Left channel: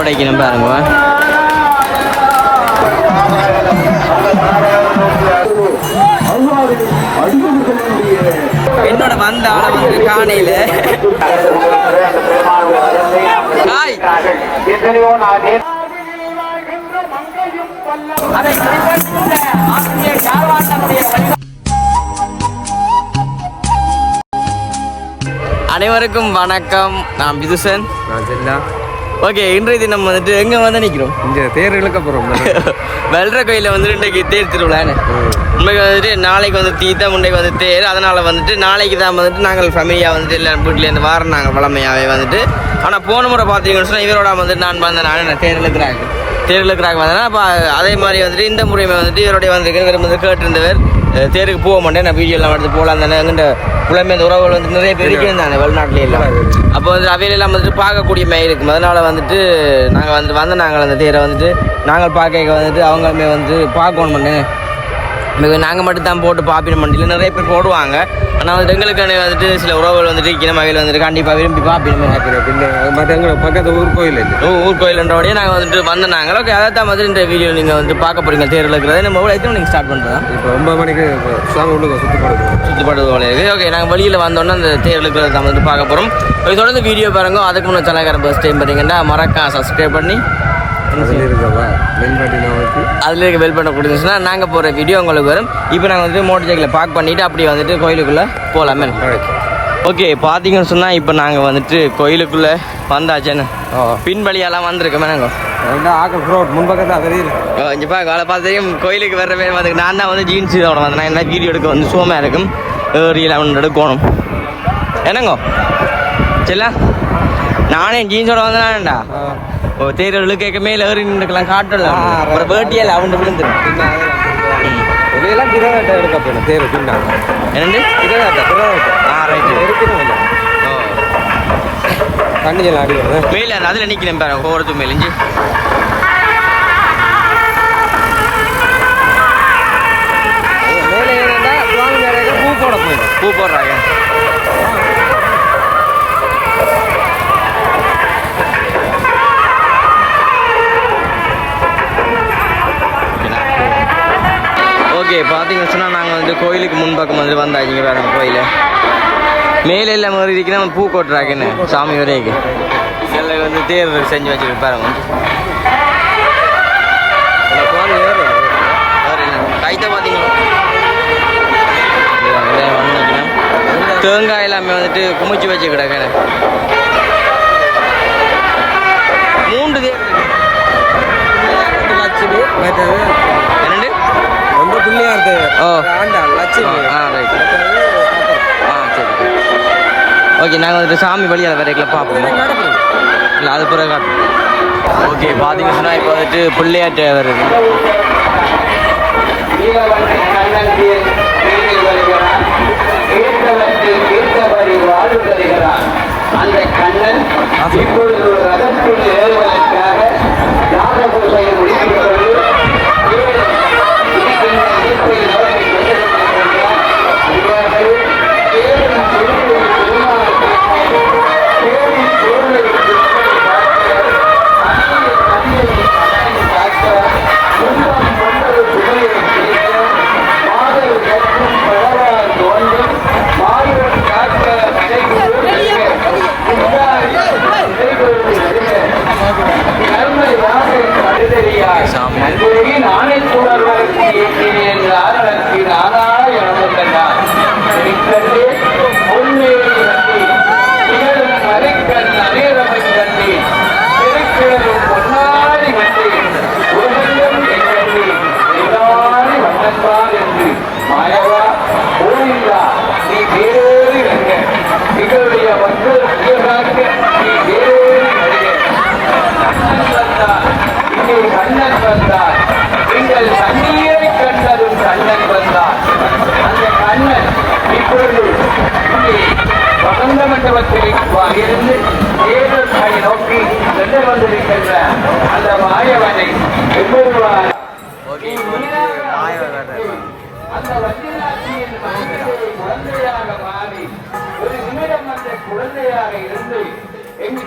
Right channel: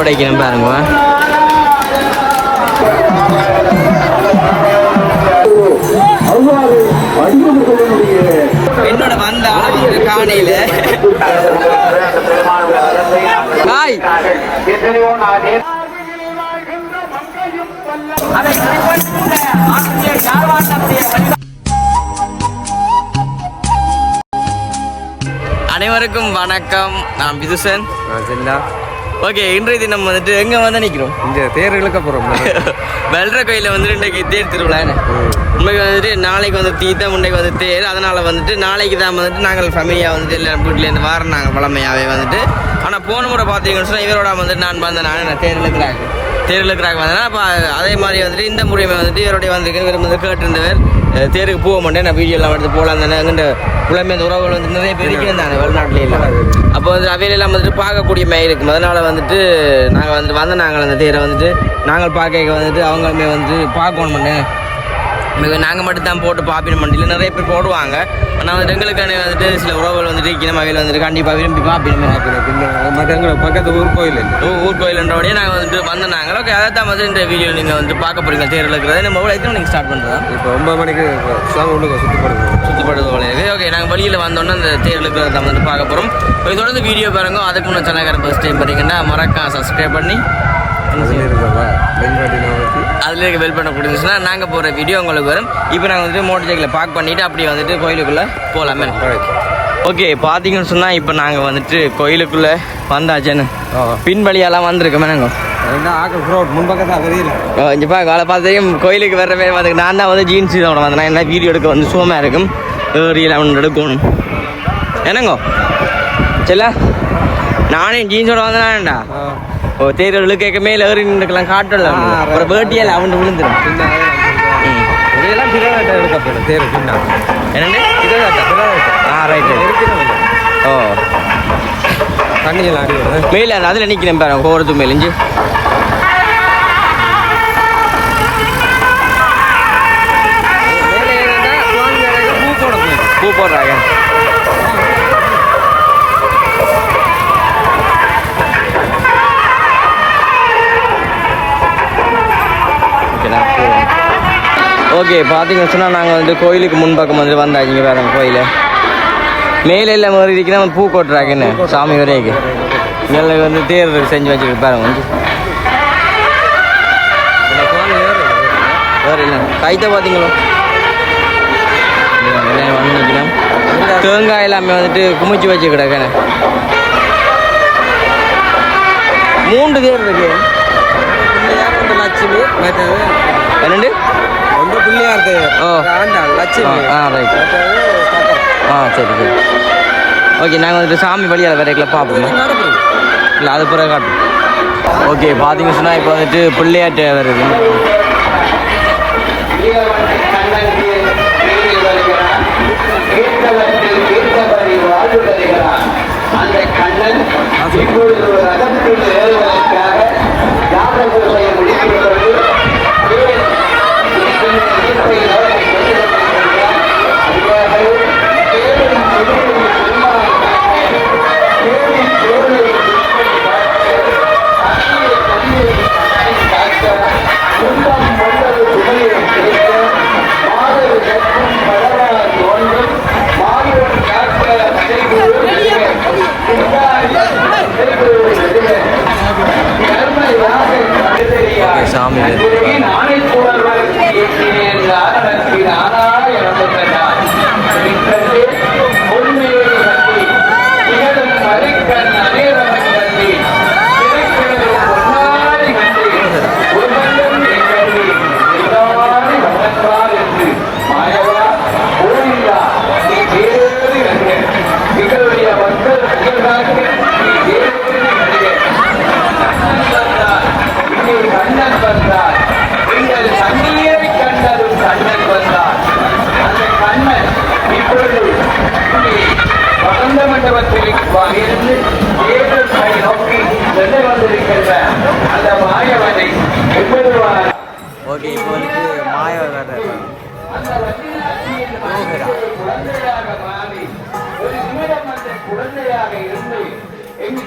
உடைக்கிறேன் பாருங்க என்னோட வந்த காணையில. ஹாய் அனைவருக்கும் வணக்கம். நான் பிதுசன். ஓகே இன்றைய தினம் வந்துட்டு எங்க வந்து நிக்கிறோம்? இங்க தேர் இழுக்க போறோம். வெல்ற கோயில வந்துட்டு இன்றைக்கு தேர் திருவிழான்னு. உண்மைக்கு வந்துட்டு நாளைக்கு வந்து தீத்த முண்டைக்கு வந்து தேர். அதனால வந்துட்டு நாளைக்கு தான் வந்துட்டு நாங்கள் ஃபேமிலியாக வந்துட்டு எல்லாம் வீட்டிலேருந்து வாரம் நாங்கள் பழமையாகவே வந்துட்டு. ஆனால் போன முறை பார்த்தீங்கன்னு சொன்னால் இவரோட வந்துட்டு நான் வந்த நான் தேர் இழுக்கிறாங்க. தேர் இழுக்கிறாங்க. வந்தேன்னா அப்போ அதே மாதிரி வந்துட்டு இந்த முறையுமே வந்துட்டு இவருடைய வந்திருக்கு இவர் வந்து கேட்டிருந்தவர். தேருக்கு போக மாட்டேன். நான் வீடியோலாம் எடுத்து போகலாம் தானே. எங்கிட்ட புலமே இந்த உறவுகள் வந்து நிறைய பேர் இருக்கிறேன் நான் வெளிநாட்டிலே இல்லை அப்போ வந்து அவையிலெல்லாம் வந்துட்டு பார்க்கக்கூடிய மாதிரி இருக்கும். அதனால வந்துட்டு நாங்கள் வந்து வந்த நாங்கள் அந்த தேரை வந்துட்டு நாங்கள் பார்க்க வந்துட்டு அவங்களுமே வந்து பார்க்கணும் பண்ணேன் நாங்கள் மட்டும் தான் போட்டு பாப்பின மண்டியில் நிறைய பேர் போடுவாங்க. ஆனால் வந்து எங்களுக்கான வந்துட்டு சில உறவுகள் வந்துட்டு இருக்கிற வகையில் வந்துட்டு கண்டிப்பாக விரும்பி மற்ற பக்கத்து ஊர் கோயில் ஓ ஊர் கோயில்ன்றபடியே நாங்கள் வந்துட்டு வந்த நாங்கள் ஓகே அதை தான் வந்து இந்த வீடியோ நீங்கள் வந்து பார்க்க போறீங்க தேரில் இருக்கிறது. நம்ம எவ்வளோ எத்தனை மணிக்கு ஸ்டார்ட் பண்ணுறோம் இப்போ ஒன்பது மணிக்கு சாமி உள்ள சுத்தப்படுது. சுற்றுப்பாடு இருக்குது ஓகே நாங்கள் வெளியில் வந்தோன்னே அந்த தேரில் இருக்கிறத தான் வந்து பார்க்க போகிறோம் தொடர்ந்து வீடியோ பாருங்க. அதுக்கு முன்னே சேனல்காரன் ஃபர்ஸ்ட் டைம் பார்த்தீங்கன்னா மறக்காம சப்ஸ்கிரைப் பண்ணி அதில் இருக்கவா மென்பாட்டி நமக்கு அதில் இருக்க பெல் பண்ண கொடுத்துச்சுன்னா நாங்கள் போகிற வீடியோ உங்களுக்கு வரும். இப்போ நாங்கள் வந்துட்டு மோட்டர் சைக்கிளை பார்க் பண்ணிவிட்டு அப்படியே வந்துட்டு கோயிலுக்குள்ளே போகலாமே ஓகே பார்த்தீங்கன்னு சொன்னால் இப்போ நாங்கள் வந்துட்டு கோயிலுக்குள்ளே வந்தாச்சேன்னு பின் வழியெல்லாம் வந்திருக்கோமே நாங்கள் என்ன காலை பார்த்ததையும் கோயிலுக்கு வர பேர் பார்த்துக்கு. நான் தான் வந்து ஜீன்ஸோட வந்தேன் நான் எல்லாம் வீடியோ எடுக்க வந்து சோமா இருக்கும். ஏறி ஒன்று எடுக்கணும். என்னங்கோ? சரில நானே ஜீன்ஸோட வந்தேன்டா ஓ தேர்தல் கேட்க மேல ஏறி நின்றுக்கலாம் காட்டல. ஒரு வேட்டியில் அவன் விழுந்துடும் ஆ ரைட்டு ஓ. மேல அதில் நிற்கிறேன் பாருங்க போகிறதுக்கு மேலே. இஞ்சி. பூ போடுறாங்க. ஓகே பார்த்தீங்கன்னு சொன்னால் நாங்கள் வந்து கோயிலுக்கு முன்பக்கம் வந்து வந்தாச்சு வேணும் கோயில். மேலே எல்லாம் மாதிரி இருக்கிற பூ கொட்டுறாங்கன்னு சாமி வரைக்கு. மேலே வந்து தேர் செஞ்சு வச்சிருக்கு பாருங்க வந்து. வேறு என்ன? கைத்த பார்த்தீங்களோ தேங்காய் எல்லாமே வந்துட்டு குமிச்சு வச்சு கிடக்கேன் மூன்று தேர் இருக்கு என்னண்டு ரொம்ப பிள்ளையார் தேர் ஆ. ரைட் ஆ சரி சரி. ஓகே நாங்கள் வந்துட்டு சாமி வழியால் வேறைகளை பார்ப்போம். இல்லை அது பிறகு காட்டும் ஓகே பார்த்தீங்க சொன்னால் இப்போ வந்துட்டு பிள்ளையாட்டு வருது அந்த கண்ணன் இப்பொழுது ரகத்தில் ஏறுவதற்காக யாதவர்களை ஓகே இப்போ வந்துட்டு மாயா வேற குழந்தையாக இருந்து எங்கு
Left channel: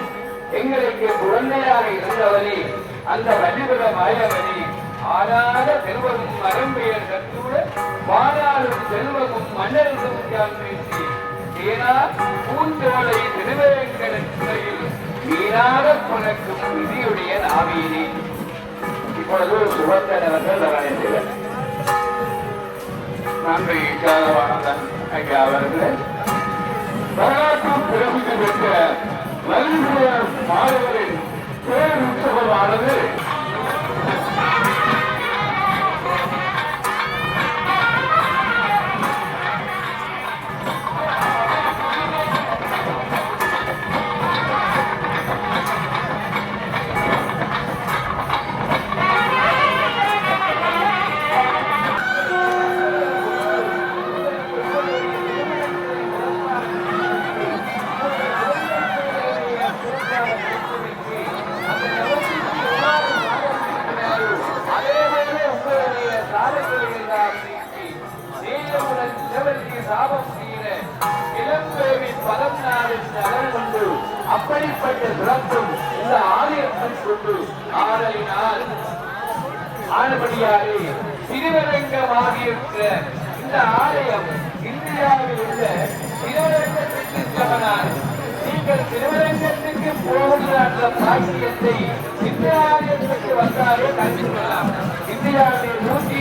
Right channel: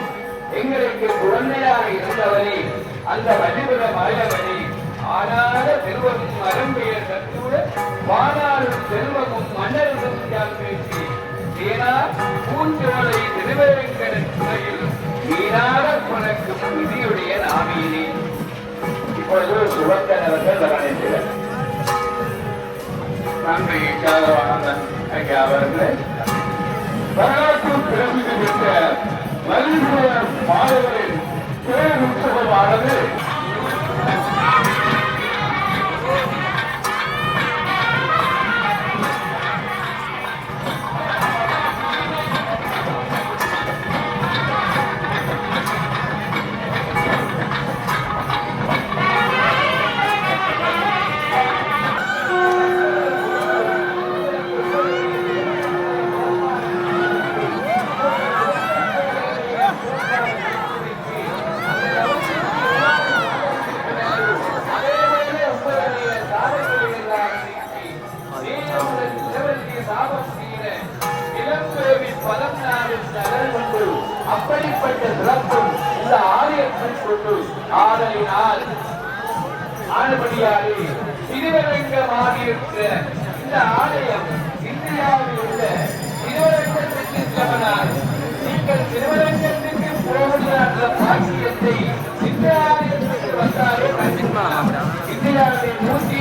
எங்களுக்கு குழந்தையாக இருந்தவரே அந்த மதிவத நாயகனே ஆனாத செல்வமும் மரம்பெயர் கற்றூட வாழாலும் செல்வமும் பேசி ஏனா விதியுடைய நாவியிலே இப்பொழுது சுபத்தனவர்கள் கவனிக்கிறார் நன்றி கலவானந்தன் ஐயா அவர்கள் வரலாற்றில் பிரசித்தி பெற்ற உற்சவமானது vida de.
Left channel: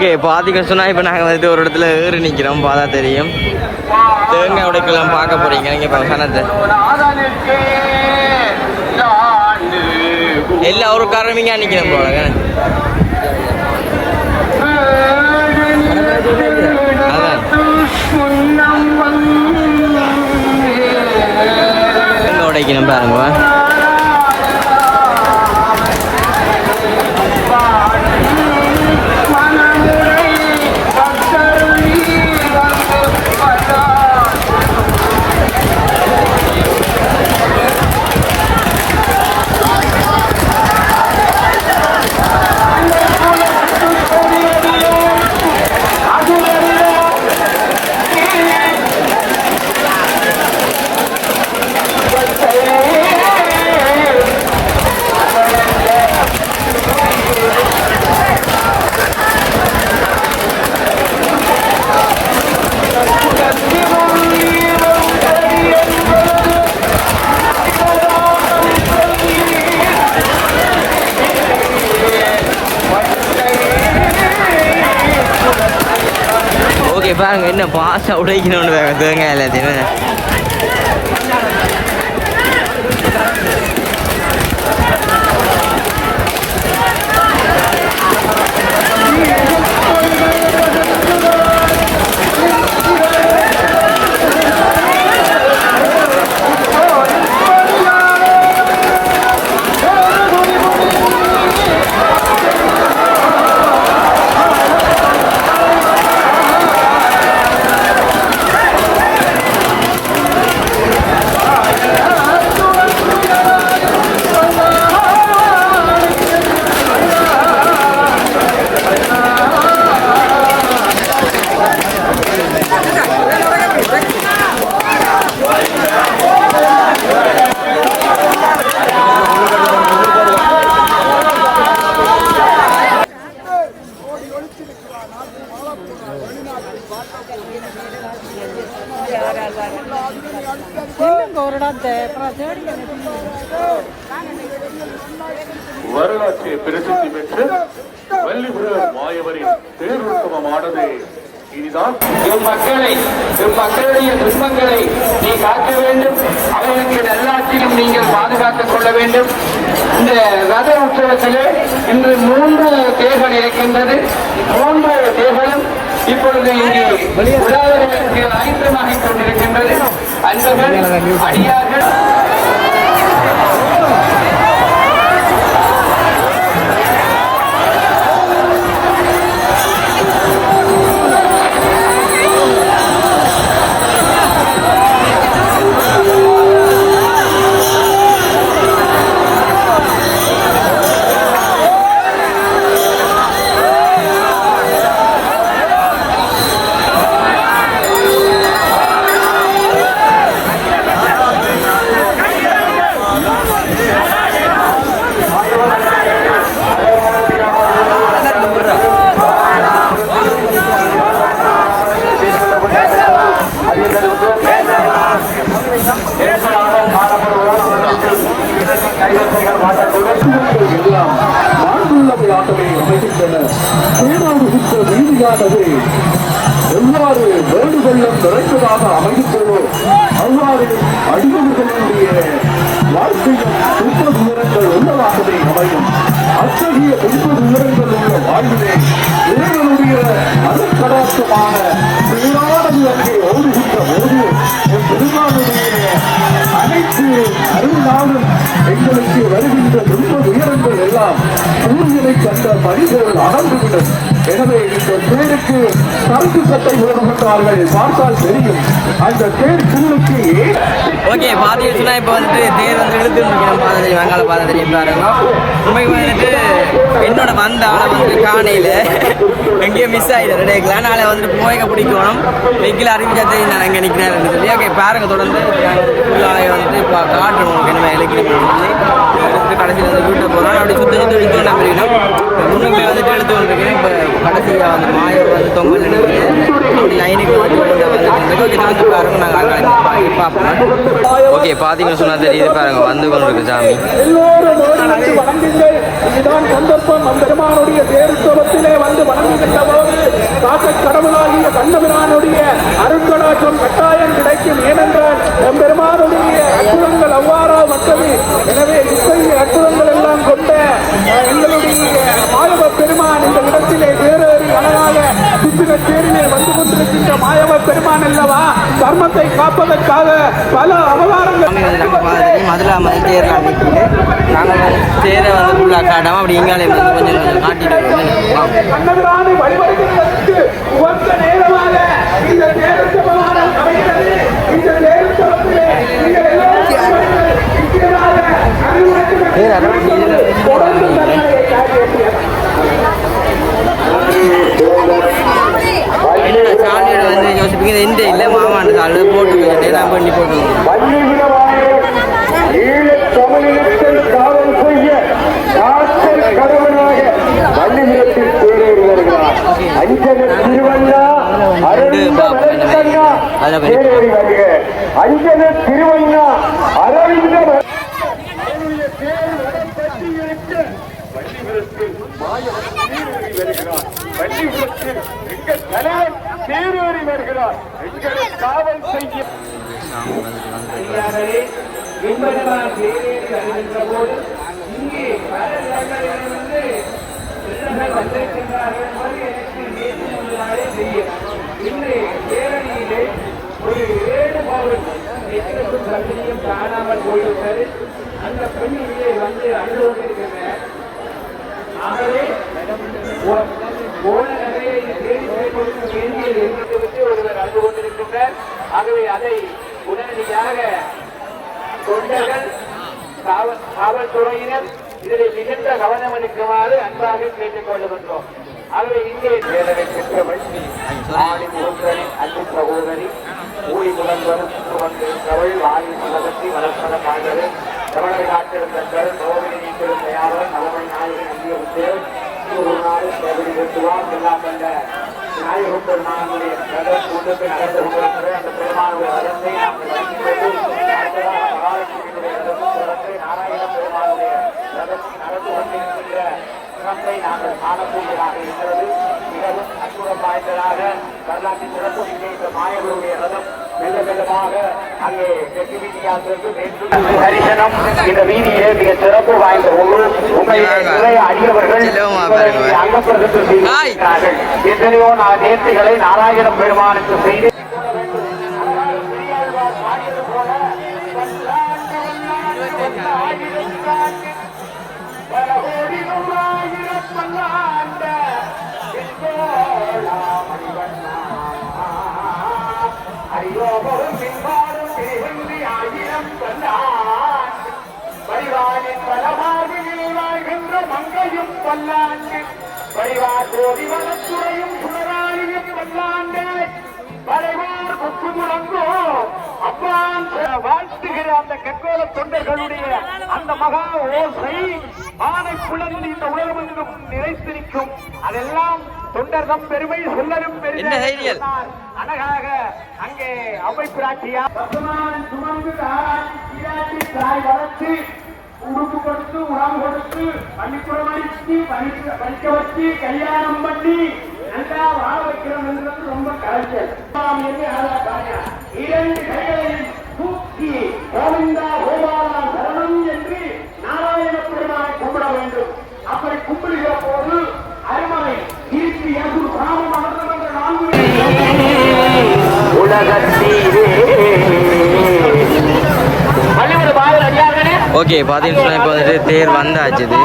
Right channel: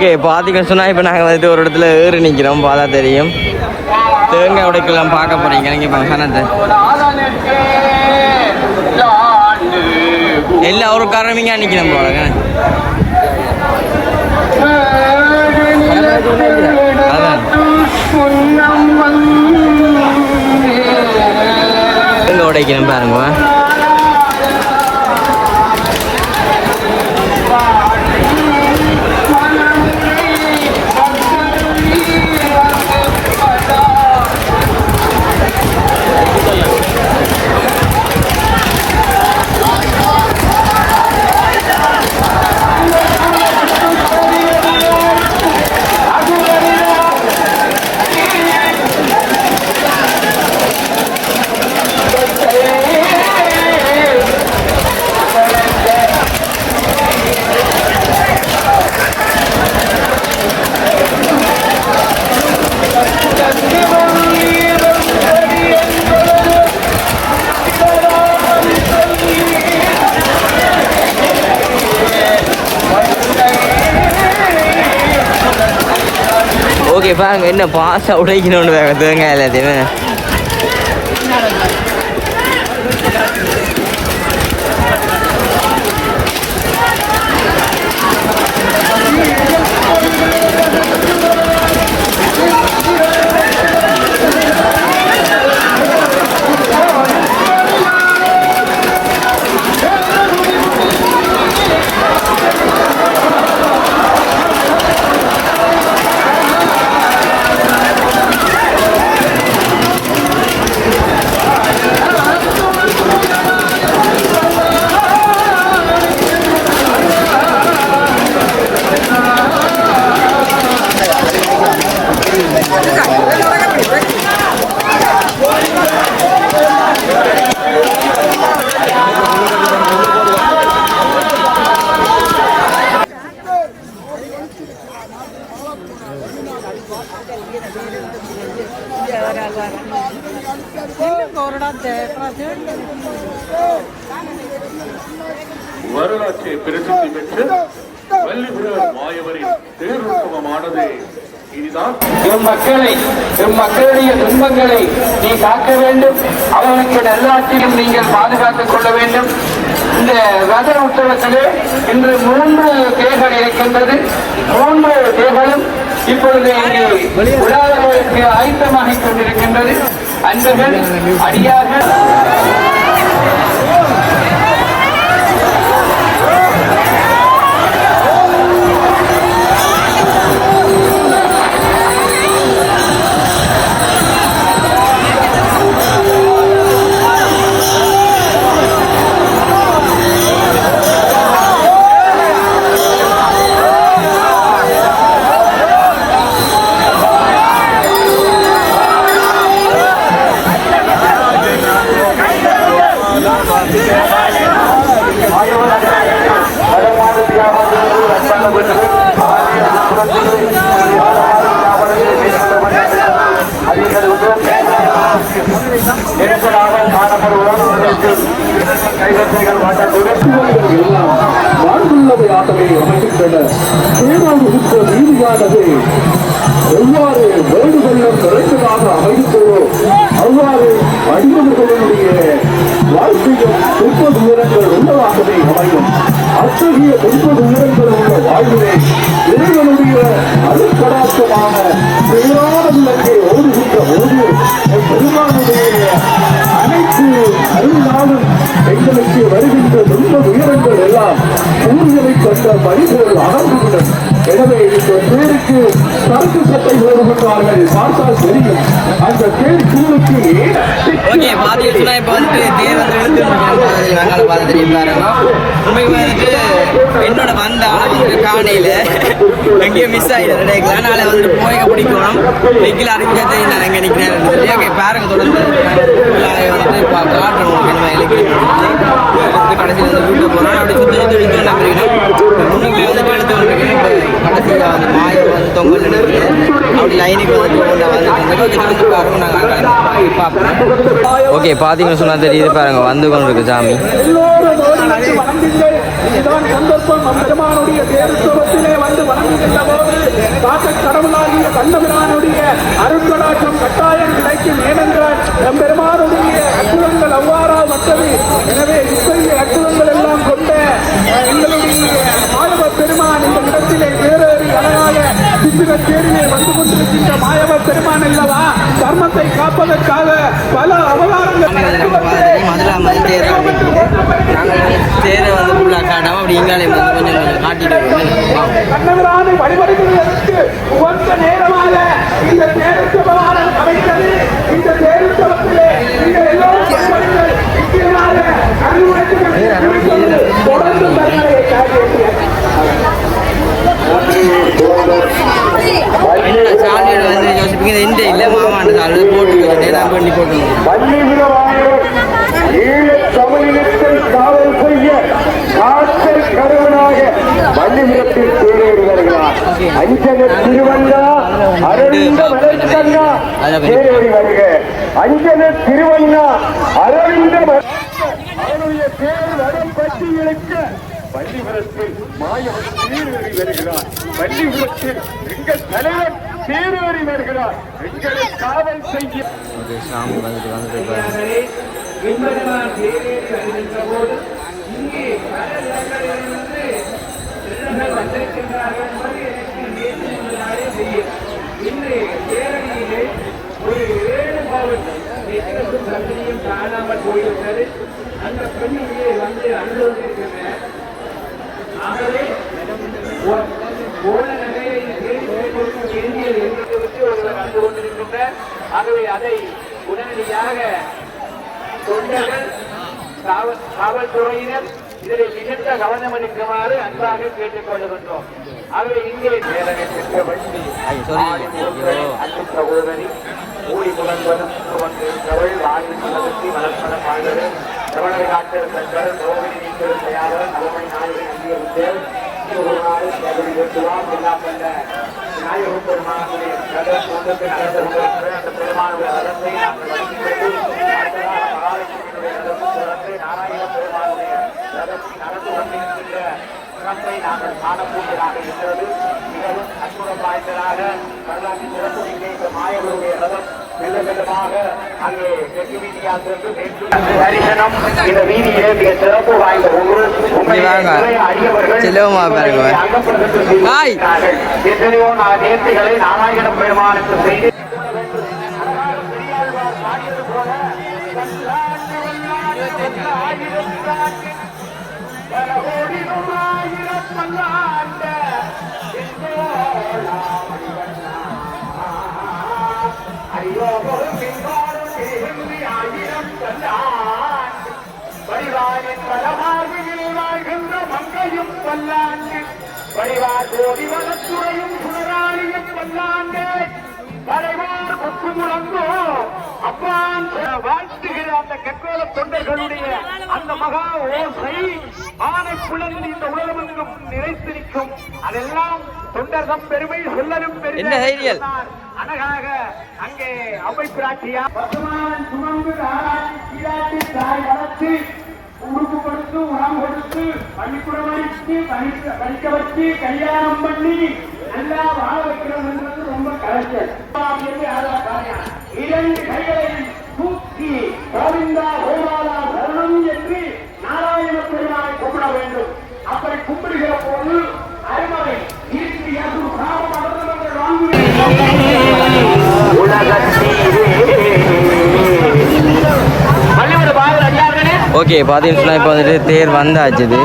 ஓகே பார்த்தீங்க சொன்னால் இப்போ நாங்கள் வந்து ஒரு இடத்துல ஏறி நிற்கிறோம் பார்த்தா தெரியும். தேங்காய் உடைக்கலாம் பார்க்க போகிறீங்க நீங்கள் இப்போ சனத்தை. எல்லா ஒரு காரணிங்க நிற்கிறேன் போலங்க என்ன உடைக்கிறேன் பாருங்க. பாருங்க என்ன பாச உடைக்கணும்னு தேங்காய் எல்லாத்தையுமே வரலாற்று பிரசித்தி பெற்று வள்ளிபுரம் மாயவரின் தேர்வுத்துவமானது இதுதான் எம் மக்களை துன்பங்களை நீ காக்க வேண்டும். அவர்களுக்கு நல்லாட்சியும் நீங்கள் பாதுகாத்துக் கொள்ள வேண்டும். இந்த ரத உற்சவத்திலே இன்று மூன்று தேர்தல் இருக்கின்றது மூன்று தேர்களும் இப்பொழுது இங்கு விழாவிற்கு ஆயத்தமாகிக் கொண்டிருக்கின்றது. அன்பர்கள் அடியார்கள் ஏற்படாமல் காணப்படுவோம். கைவசங்கள் மாற்றக்கூடும் எவ்வாறு வேண்டு வெள்ளம் நிறைந்ததாக அமைந்துள்ளோ அவ்வாறு அடிமனிதனுடைய வாழ்க்கையும் துன்ப உள்ளதாகவே அமையும் அத்தகைய துன்ப துயரங்கள் உள்ள வாழ்வினை இறைவனுடைய அருட்கடாட்சமான பெருமானது அங்கே ஓடுகின்ற போது என் பெருமானுடைய அனைத்து அருள்நாளும் எங்களுக்கு வருகின்ற துன்ப உயரங்கள் எல்லாம் சூரியனை கண்ட மனிதர்கள் அகன்றுவிடும் எனவே இந்த பேருக்கு கருத்து சட்டம் வருகின்றார்கள் பார்த்தால் தெரியும். அந்த பேர் சூழலுக்கு ஓகே பாத்தீங்கன்னா சொன்னா இப்போ வந்துட்டு தேர் வந்து எழுந்து பாதம் வெங்கால பாதம் தெரியும் பாருங்க என்னோட வந்த வந்து காணையில எங்கேயோ மிஸ் ஆகிடுது ரெண்டு அதனால வந்துட்டு போய் பிடிக்கணும் வெக்கில் அறிஞ்சது நான் எங்கே நிற்கிறேன் சொல்லி பாருங்க தொடர்ந்து. ஃபுல்லாக வந்துட்டு இப்போ காட்டணும் என்ன இலக்கியம் எடுத்து கடைசியில் வந்து வீட்டுக்கு போகிறோம் அப்படி சுற்றி சுற்றி விற்கும் நம்புறீங்கன்னா முன்னுமே வந்துட்டு எடுத்து வந்துருக்கேன். இப்போ கடைசியாக வந்து மாய வந்து தொங்கல் நினைக்கிறேன் அப்படி லைனுக்கு வந்து கொண்டு வந்து வந்து பாருங்க நாங்கள் நாங்கள் பார்ப்போம் ஓகே பார்த்தீங்கன்னு சொன்னால் தெரியுது பாருங்க வந்து கொண்டு இருக்கு சாமி இதுதான் சந்தர்ப்பம். அம்பெருமானுடைய பேருத்துவத்திலே வந்து வணங்குகின்றதோடு காக்க கடவுளாகிய கந்தபெருமானுடைய அருங்கலாற்றம் கட்டாயம் கிடைக்கும். ஏனென்றால் அம்பெருமானுடைய அற்புதங்கள் அவ்வாறா மற்றது. எனவே இத்தகைய அற்புதங்கள் எல்லாம் கொண்ட எங்களுடைய மாயவ பெருமான் இந்த இடத்திலே வேறேறி அழகாக சிந்துக தேரிலே வந்து கொண்டிருக்கின்ற மாயவ பெருமான் அல்லவா? தர்மத்தை காப்பதற்காக பல அவதாரங்கள் சாமி வந்து நம்ம பார்த்து தெரியும் மதுரை மாதிரி தேர் நாங்கள் தேரை வந்து ஃபுல்லாக காட்டாமல் அப்படி எங்கால இருந்து கொஞ்சம் கொஞ்சம் காட்டிட்டு இருக்கோம் வாங்க என்னடா சாலியோட வந்து யோசிப்பீங்க? எந்த இல்லை மாமாண்ட சாலியோட போட்டு நேரம் பண்ணி போட்டு காவல் செய்ய வள்ளிபுரத்தில் வருகிறார் அஞ்சக அஞ்சக திருவங்கா பள்ளிபுரத்தில் மாயவன் சீரேறி வருகிறார். பள்ளிபுரத்தில் எங்கள் தலைவர் சீரேறி வருகிறார். எங்களை காவல் செய்ய இங்கே வந்திருக்கின்றார்கள் இன்று கேட்டுக் கொள்கின்றோம் ஆகவே இங்கே பெற்ற வண்டி அன்பு சகோதரி ஊழி புலன்பர் பொருள் சோதனை தலைமை நாயகன் சிறப்பை நாங்கள் காணக்கூடியதாக இருக்கிறது மிகவும் அற்புதம் வாய்ந்ததாக வரலாற்று சிறப்பு மாயவருடைய ரதம் மிக விதமாக அங்கே இந்த வீதியிலே மிக சிறப்பு வாய்ந்த ஒவ்வொரு. எத்தனையோ நான் நேர்த்திகளை நாராயண பெருமானுக்கு செய்ய பல்லாண்டு. பரிவார் கோடி வளத்துறையும் சுமராளியும் பல்லாண்டு. பரிவார் கொக்கு முழங்கோ அப்பான் வாழ்த்துகிற அந்த கற்போல தொண்டைகளுடைய அந்த மகா ஓசை. ஆனை குழந்தை இந்த நிறைத்திருக்கும் அதெல்லாம் தொண்டர்தம் பெருமை சொல்லலும் பெருமை? அழகாக அங்கே அவை பிராட்டியா பசுமான் சுமந்து ஆராய்ச்சி தாய் வளர்த்து உறுப்பு கொடுத்து உரம் கொடுத்து படிப்புறம் அடித்து படிக்க படிக்க வச்சு கல்யாணம் பண்ணி நல்லா வாழ வைக்கிறோம்ன்றது ரொம்ப கலைஞர். இரண்டு கைகளையும் தூக்கி கோவிந்தா கோபாலா ஓகே பார்த்தீங்கன்னா இப்போ வந்துட்டு தேர் வந்தாச்சு இது